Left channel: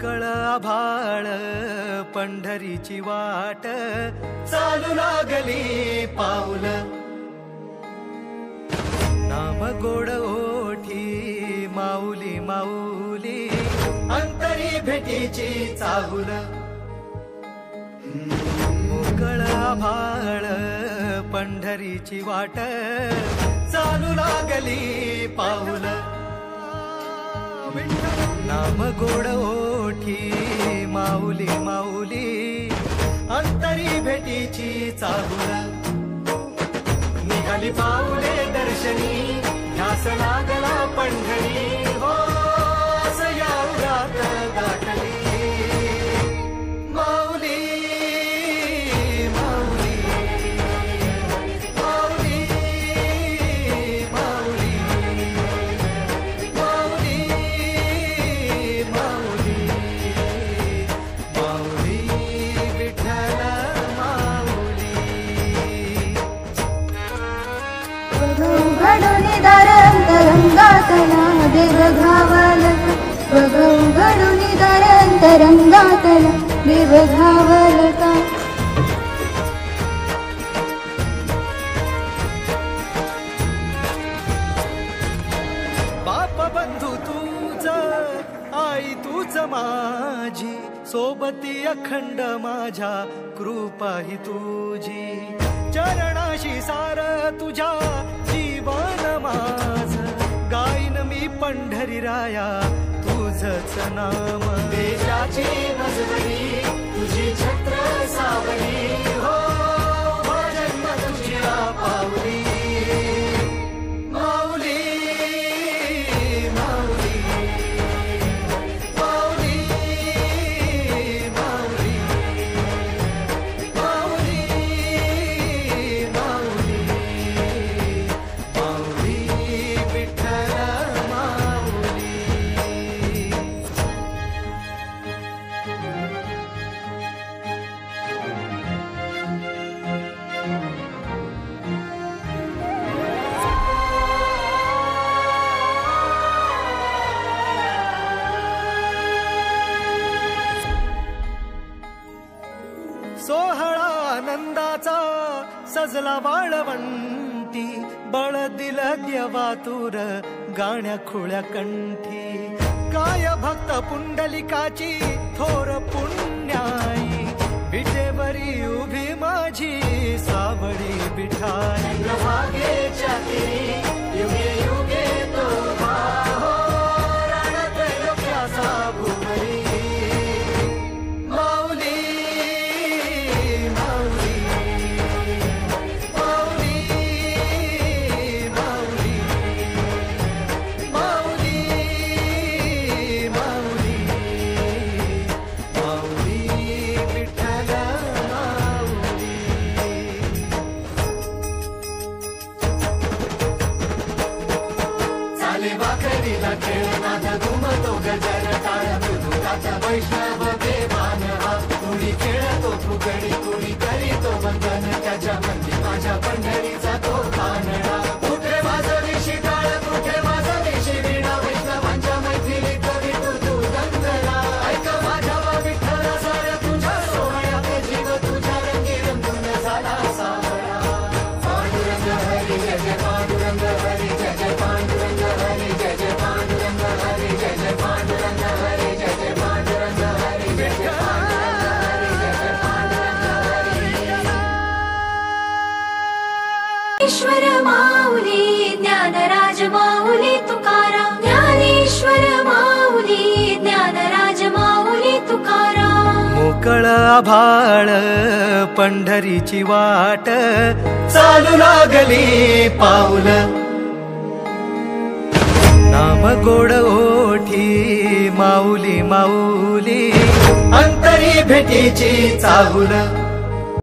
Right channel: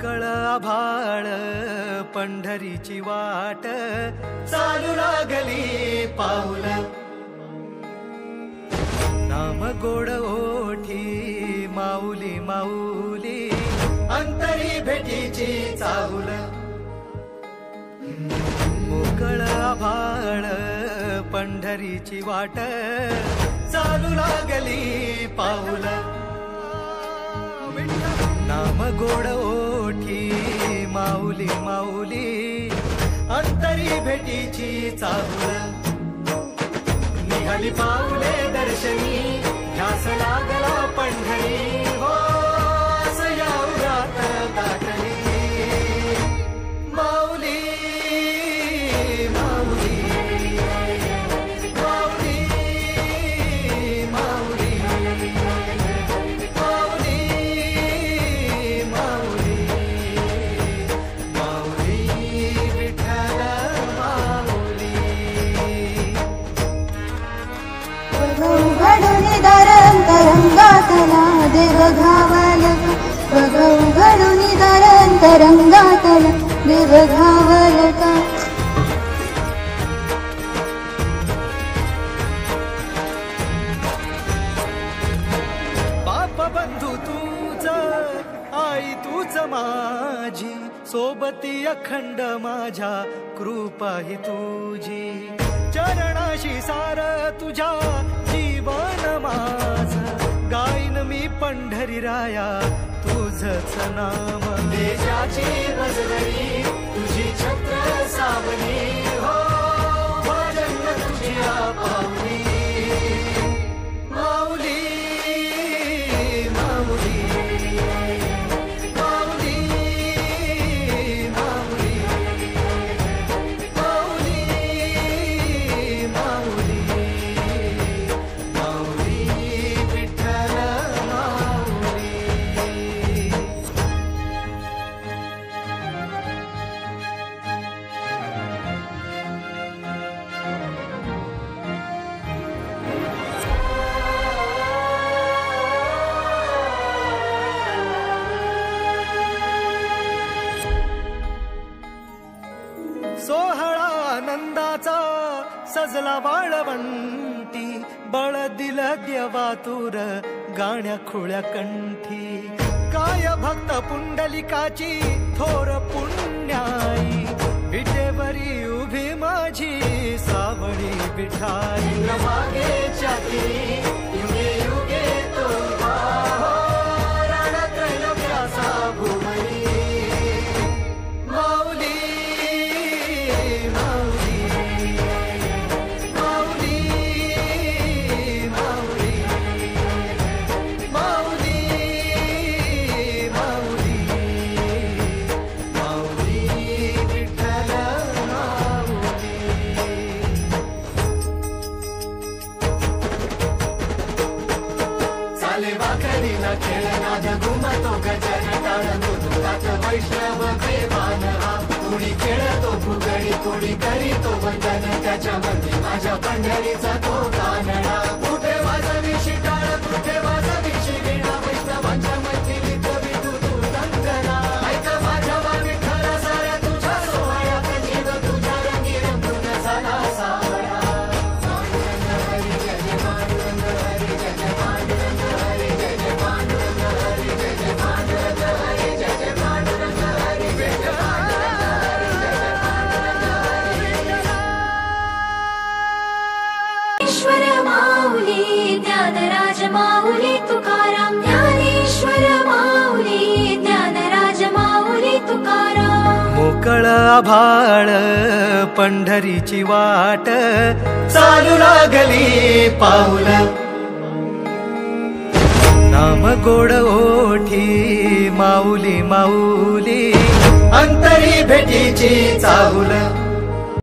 मोकळ आभाळ पंढरीची वाट चालू लागली पाऊल नाम गोड ओठी माऊली माऊली अंतरी भेटीची चाहुल मोकळ आभाळ पंढरीची वाट चालू लागली पाऊल नाम गोड ओठी माऊली माऊली अंतरी भेटीची चाहुल निघाली पाऊले दर्शनी ध्यास लागला पंढरी हो असया उरात दाटली माऊली माऊली माऊली माऊली माऊली माऊली माऊली विठ्ठल माऊली घडून दरंतरंगातला देव घावला घडून दरंतरंगातला देव घावला बाप बंधू तूच आई तूच माझी सोबती अखंड माझ्या कृपा ही तुझी चरणाशी सार तुझ्या जीवन माझ गाईन मी पंढरी राया तुझच नाम देशाची मजबरी तुझी छत्र सावली हो जन्म तुझ्या पावली माऊली माऊली माऊली माऊली माऊली माऊली माऊली विठ्ठल माऊली सोहळा आनंदाचा सजला वाळवंटी बळ दिल देवातूर गाण्या खुळ्या कंठी काय भक्त पुंडलिकाची थोर पुण्याई विटेवरी उभी माझी सावळी विठाई प्रभागेच्या तिरी युगे युगे तो उभा हो रणत्रैलोक्याचा भुवरी माऊली माऊली माऊली माऊली माऊली माऊली माऊली विठ्ठल माऊली चाले वाकडीला खेळनाद घुमतो गजर टाळ मृदुंगात वैष्णव देवान हा कुणी खेळतो फुगडी कुणी करीतो वंदन त्याच्या मंदी माझ्या पंढरीचा तो कानडा कुठे वाजवी शिटाळ कुठे वाजवी शिवीणा वैष्णवांच्या मैथिलीत विठू तू दंगला ऐक माझ्या विठ्ठला साऱ्या तुझ्या सोहळ्यात जीव तुझ्या रंगी रंगून झाला सावळा पांडुरंग हरी जय जय पांडुरंग हरी जय जय पांडुरंग हरी जय जय पांडुरंग हरी जय जय पांडुरंग हरी जय जय पांडुरंग हरी जय जय ईश्वर माऊली ज्ञानराज माऊली तुकाराम ज्ञानेश्वर माऊली ज्ञानराज माऊली तुकाराम मोकळ आभाळ पंढरीची वाट चालू लागली पाऊल नाम गोड ओठी माऊली माऊली अंतरी भेटीची चाहुल